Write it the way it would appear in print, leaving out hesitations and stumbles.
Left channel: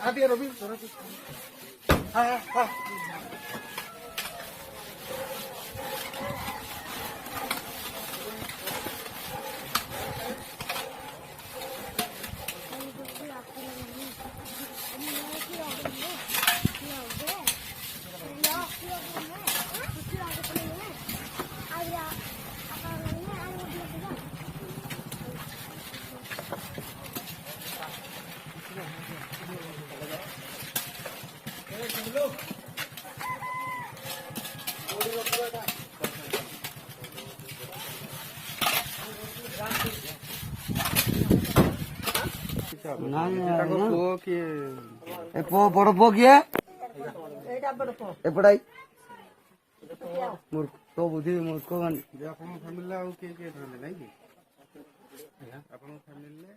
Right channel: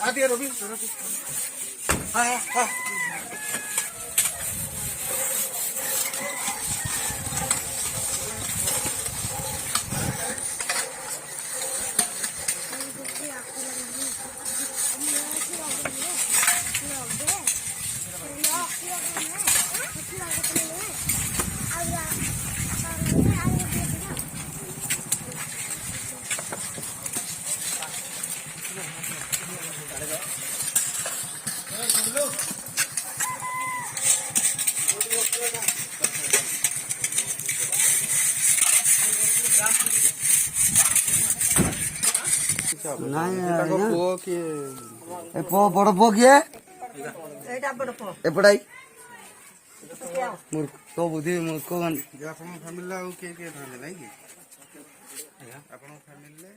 आदि रवि हाँ हाँ पुओ किए बड़ पुओ किए एपटाई मूर्ख बुद्धि मूर्ख फैमिली आउ किए किए नाई कि आपण फैमिली